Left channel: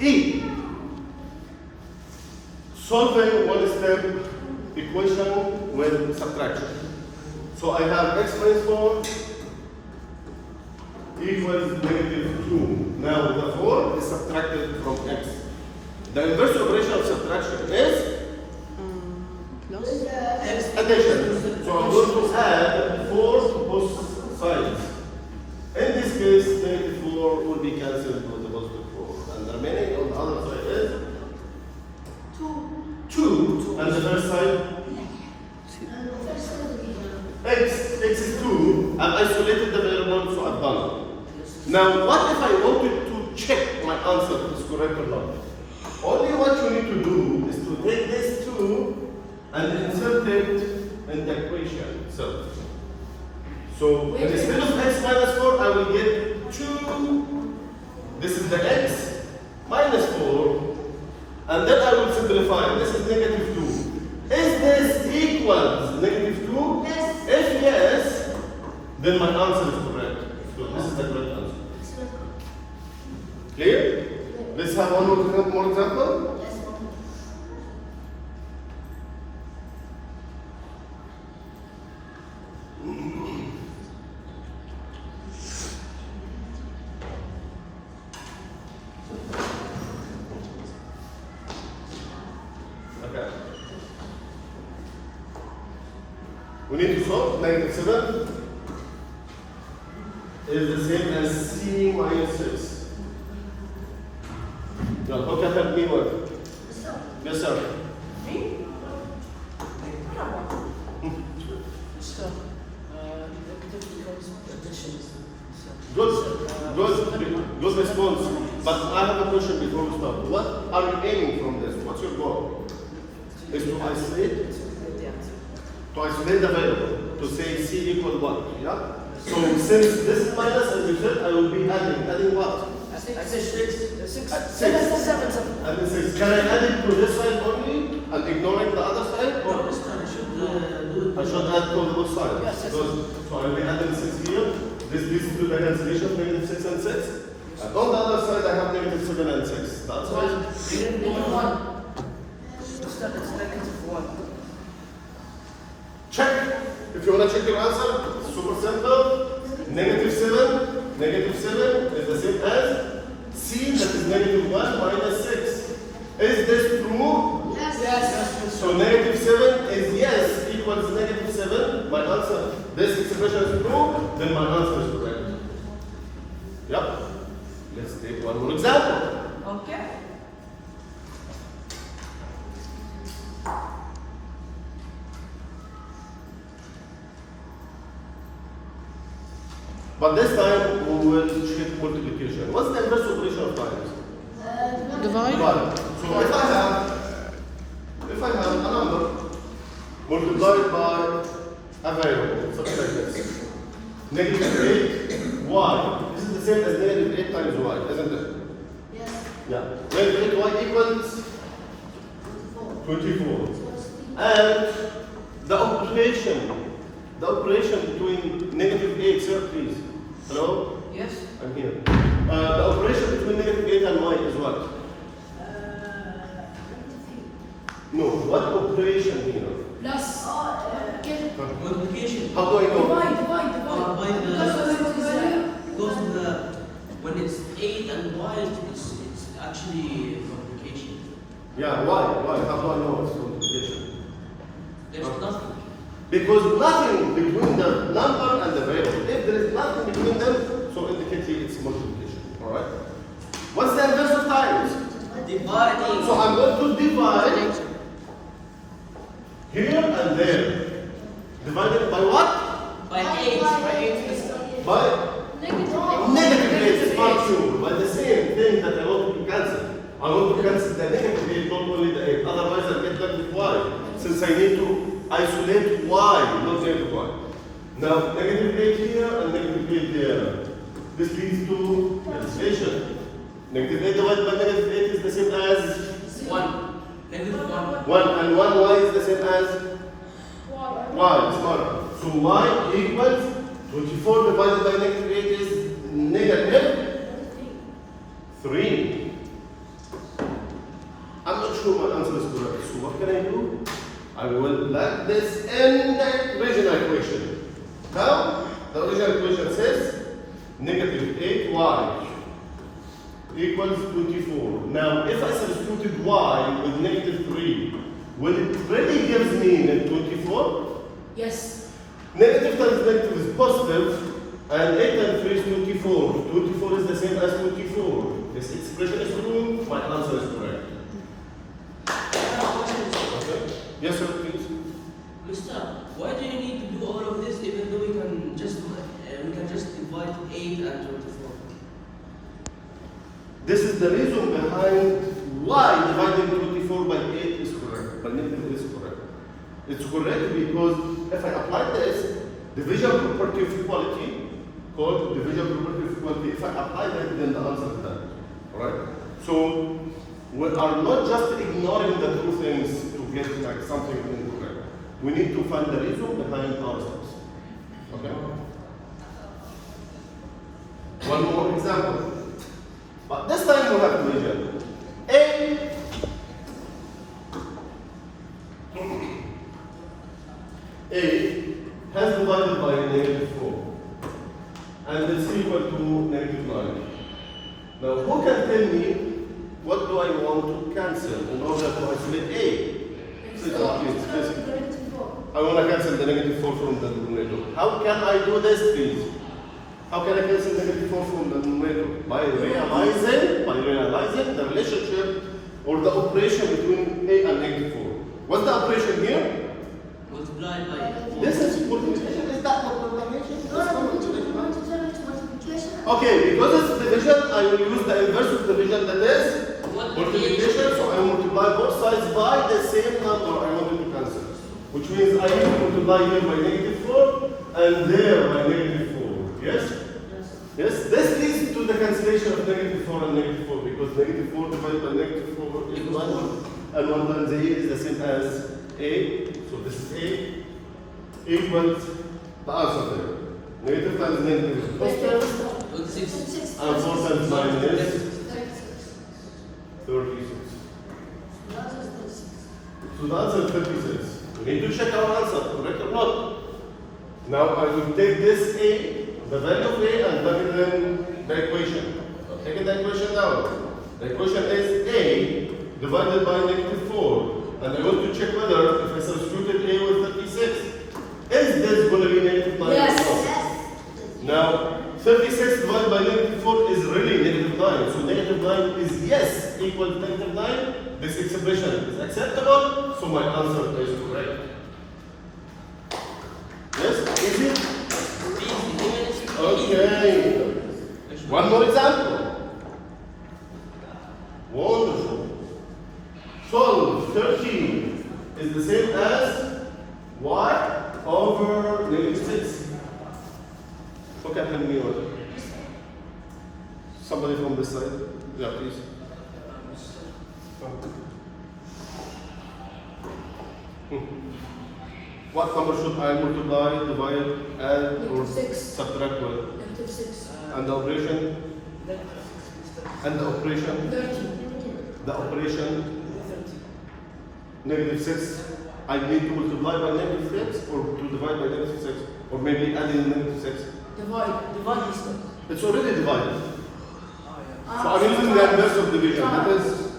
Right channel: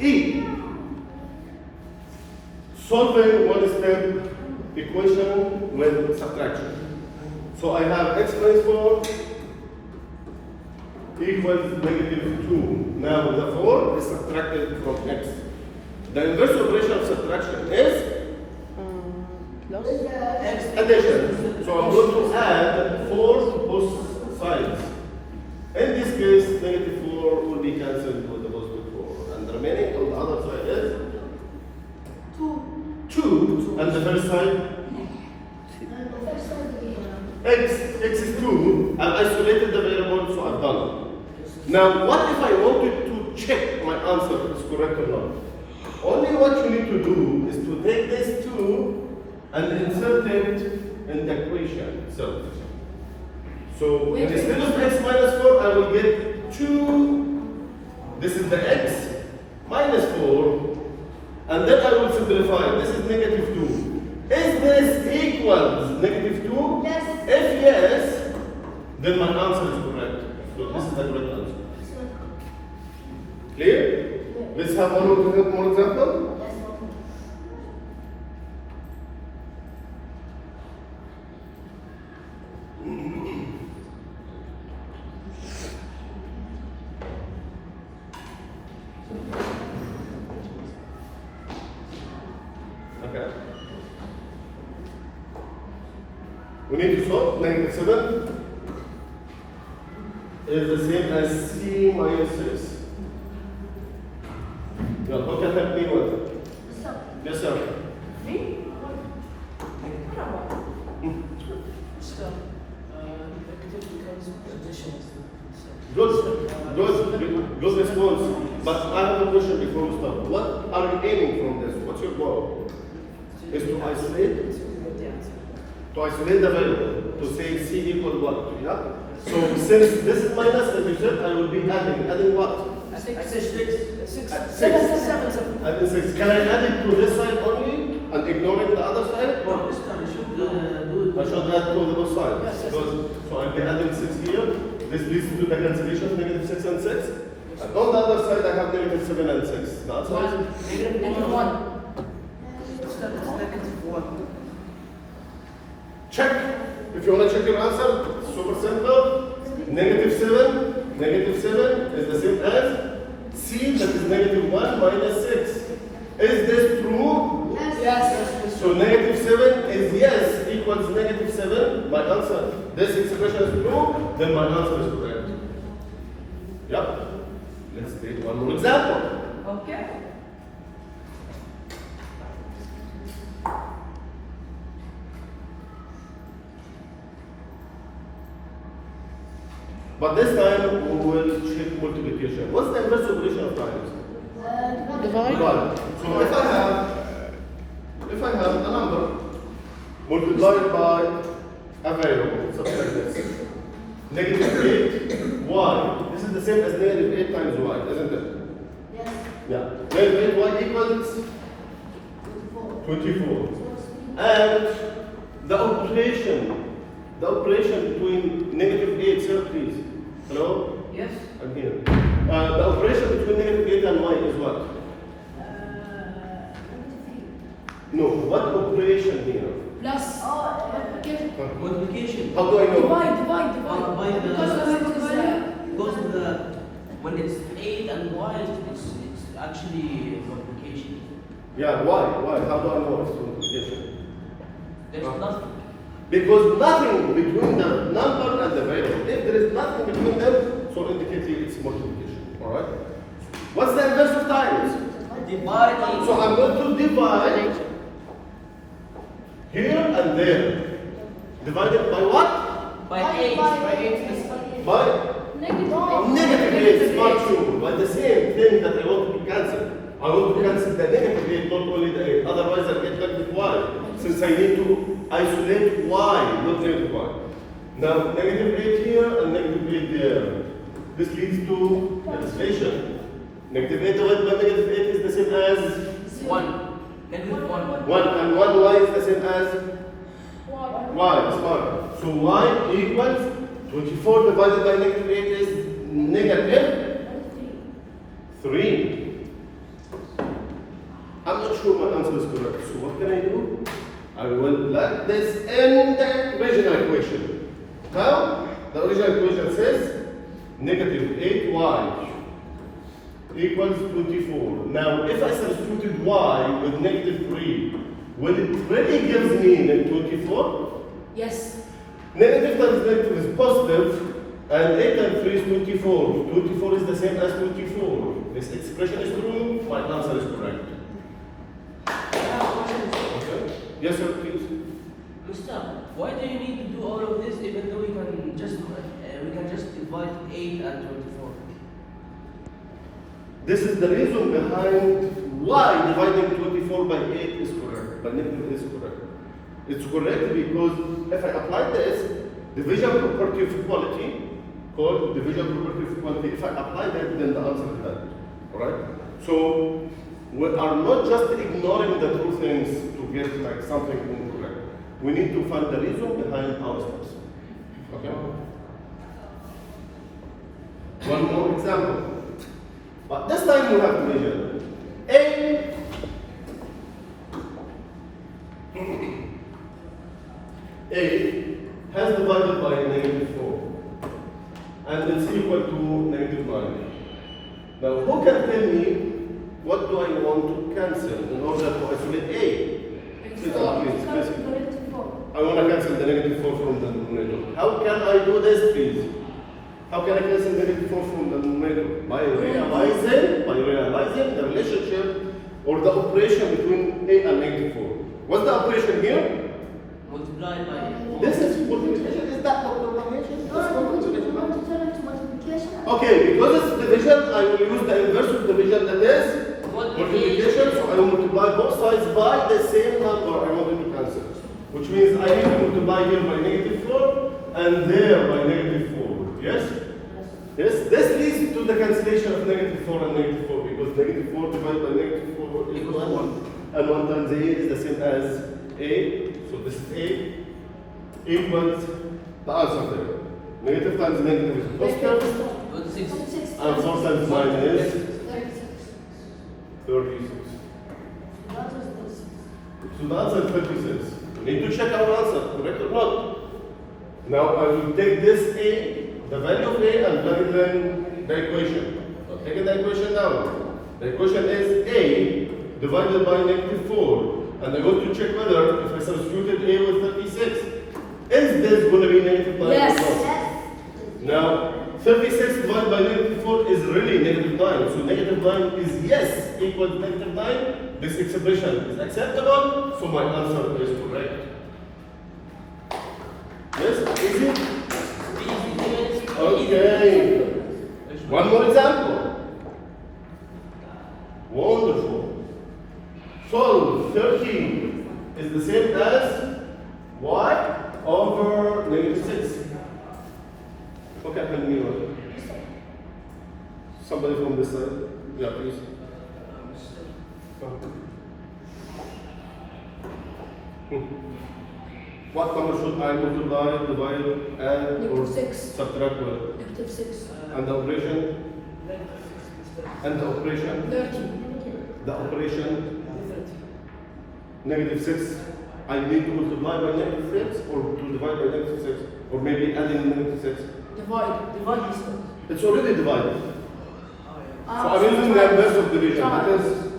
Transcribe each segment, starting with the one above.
E. Solving one-step equation with subtraction. So I have x minus 4 equals -2. Now the 4 is subtracted from x. The inverse operation of subtraction is plus addition. So I'm going to add 4 to both sides. In this case, -4 will be cancelled with the positive 4. And the remaining on the other side is 2. And the first side? X is 2. I've isolated the variable, so I've done it. Now, what if I wanted to check my answer is correct or not? Only what you need to do is to take this 2 and insert it in the equation itself. So instead of x minus 4, I will get 2. This is the x minus 4, and then I will simplify. This is -2. Is this equals -2? Yes. If yes, then my answer is correct. So this is the correct answer. Clear? Let's have one more example. Okay. We need to solve -7 is the same as c minus 6. Now, how can I help me with? Yes, sir. Good response. But I have a question before we start. What are you aiming from this? What's your goal? Is to isolate? To isolate the variable. To say c equal what? Yeah? So since this is minus, as you said, I will be adding. Adding what? 6. Adding 6. Can I add it to this side only and ignoring the other side? Or I should add to the both sides. Because, so I'll be adding 6 here. This leads to the cancellation of -6 and 6. And on the other side, I have -7 and 6. That's right. Check. If you want to check your answer, it's super simple. -7 is the same as c, that is -1 minus 6. Is this true? Yes. So -7 is yes equals -7. My answer, this expression is true, then my answer is correct. Yep. Let's take one more example. Okay. But this time we will check multiplication. What's the inverse operation of times? Divide. So if I have a number multiplied by a variable, such like this, -8 y. This is the same as -8 times y, isn't it? Yes. Yeah. -8 y equals 24. And the operation between -8, sir, please. Hello? Yes. I'm here. The operation between -8 and y is what? No, what operation here? Plus. Multiplication. How do I know? Divide. Because when it's 8 and y, it's actually multiplication. Yeah, why? How do I know it's multiplication? There's nothing. Because nothing between the number and the variable. If there is nothing between them, so indicate it's multiplication. Alright? What's the inverse of times? Dividing. So I'm going to divide here and there. Divided by what? By 8. By -8 part 2. By the same thing that I want to cancel. I want to cancel the -8, not only the 8. Otherwise I'll get back with y. Since I need to isolate y, not negative y. Now, -8 here and -8 there. This leads to cancellation. -8 divided by -8 is the same as 1. Negative 1. 1, and 1y is the same as y. Smart. So y equals 24 divided by -8 is -3. sure my answer is correct. So what can I do? I will let this in the original equation. Now, the original equation says negative 8y equals 24. Now, if I substituted y with negative 3, will it really give me 24? Yes. Negative times negative is positive, and 8 times 3 is 24. 24 is the same as 24. This expression is true, my answer is correct. Okay? Yes, sir, please. Mister, why do you need to do all of this even though we can just divide 8 and 24? This is the reason behind why dividing 24 by 8 is correct, by negative is correct. It's correct because if I apply this division property of equality, called division property of equality, if I apply that, then the answer is that. Alright? So we are not just ignoring the two things to get like something incorrect. We need to find the reason behind our steps. Okay? One more example. But this time we have division. A has divided by negative 4 and it's equal to negative 9. Now who can tell me what do I want to cancel in order to isolate A? Please, I want to cancel the negative 4 from the numerator. How can I do this, please? How can I cancel negative 4 from the numerator? By realizing the relationship or the operation between A and negative 4. What's the operation here? Multiply by 4. This is multiplication. Is that multiplication? Multiplication. Okay, because it's division, I will use the inverse of division, that is multiplication. So I will multiply both sides by the same number I wanted to cancel. Which means I need to multiply here by negative 4 and there by negative 4. Yes? Yes? This leads to the cancellation of negative 4 and negative 4 because negative 4 divided by negative 4 is 1. And 1 times A is the same as A. So this is A equals the answer there. Negative times negative is positive. With 6. And 4 times 9 is 36. So the answer is 26. We need to check our answer, correct or not? Now I will take this A, the value of A, and plug it in the equation. So take the equation down. The equation is A divided by negative 4. And I want to check whether if I substituted A with 36, is this going to be negative 9 Yes. or not? Now, 36 divided by negative 4 is really negative 9. So negative 9 is yes equal to negative 9. This expression is acceptable, so my answer is correct. Yes? Easy? Okay. One more example. Wonderful. So 13 is the same as y over negative 6. Who can help me with it? Somebody from this side? Yeah, please. What number should I multiply, divide, add, or Negative 6. subtract with? Negative 6. And the operation? And the operation? 30. The operation? Negative 6. I need to multiply by negative 6 or to divide by negative 6? Or maybe add in negative 6? Divide. It's already divided. So I'm using the inverse of division. That is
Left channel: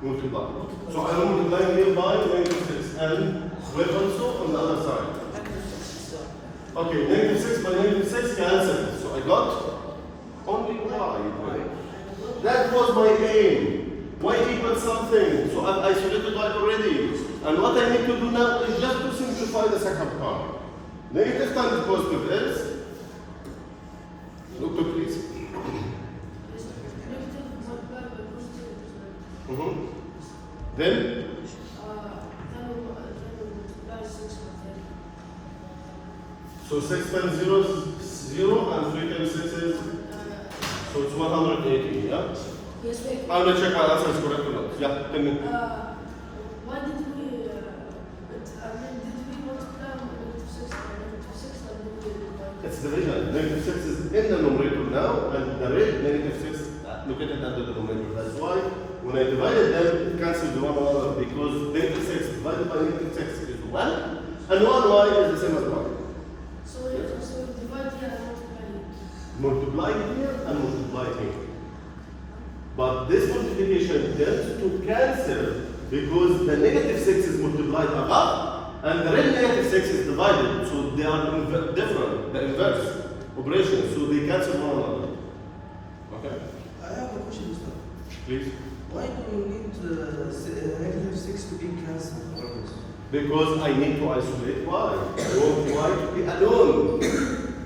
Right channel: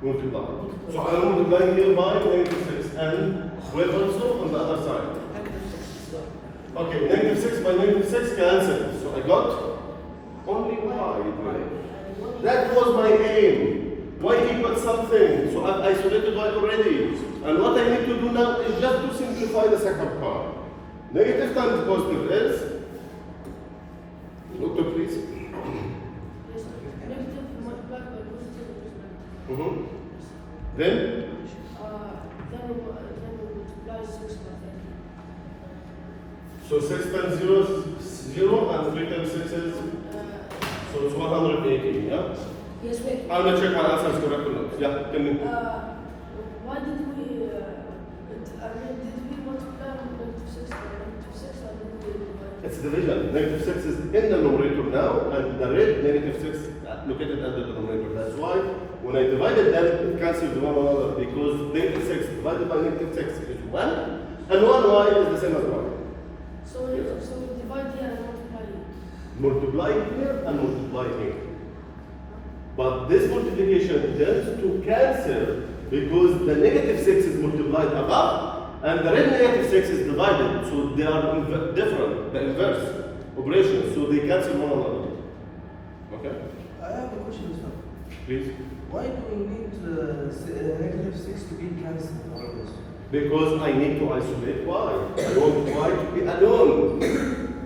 multiply. So I'm multiplying here by negative 6 and with also on the other side. Okay, negative 6 by negative 6 cancel. So I got only y. That was my aim. Y equals something. So I've isolated y already. And what I need to do now is just to simplify the second part. Negative times positive is, look at please. Then? So 6 times 0 is 0 and 3 times 6 is, so it's 180, yeah? Yes, wait. I'm going to check my answer is correct or not. Yeah, tell me. Why did we multiply negative 6 by negative 6 and then we divide? It's division. Negative 6 is in the numerator now, and the red negative 6 located at the denominator. That's why when When I divided them, it cancels one another because negative 6 divided by negative 6 is 1, and 1y is the same as 1. So you divide here and multiply it. Multiply here and multiply here. But this multiplication tends to cancel because the negative 6 is multiplied above and the real negative 6 is divided. So they are different, the inverse operation. So they cancel one another. Okay? I have a question, Mr. Please. Why do you need negative 6 to be cancelled? Because I need to isolate y. I want y to be alone.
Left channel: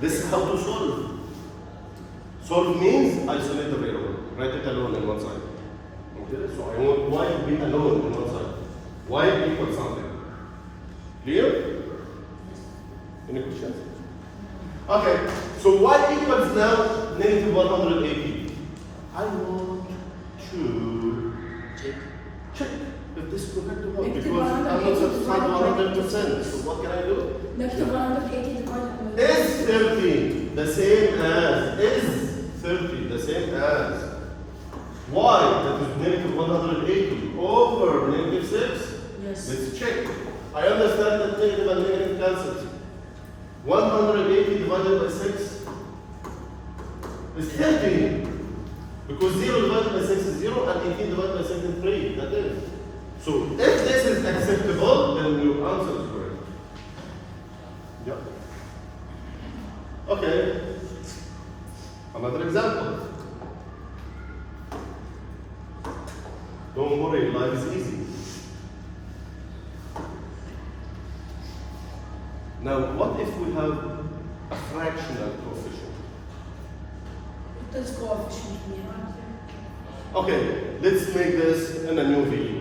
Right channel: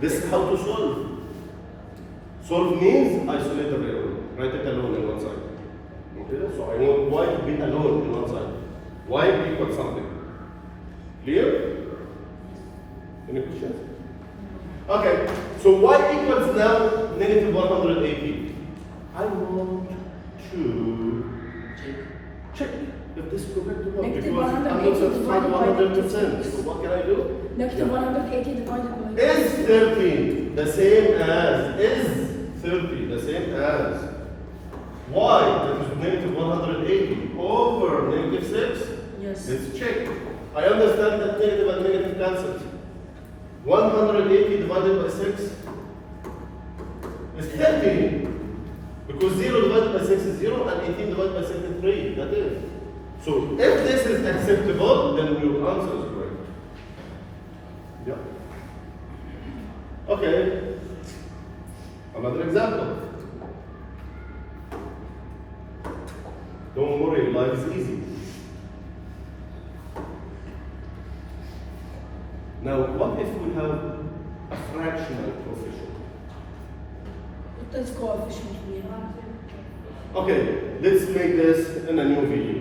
This is how to solve. Solve means isolate the variable. Write it alone on one side. Okay? So I want y to be alone on one side. Y equals something. Clear? Any questions? Okay. So y equals now negative 180. I want to check if this is correct or not. Negative Because I'm not 180 satisfied 100%. So what can I do? Negative Yeah. 180 divided by Is 30 the same as? Is 30 the same as? Y, that is negative 180 over negative 6? Yes. Let's check. I understand that negative and negative cancels. 180 divided by 6 is 30. Because 0 divided by 6 is 0 and 18 divided by 6 is 3. That is. So if this is acceptable, then your answer is correct. Yeah. Okay. Another example. Don't worry, life is easy. Now, what if we have a fractional coefficient? What is coefficient here? Okay, let's make this in a new video.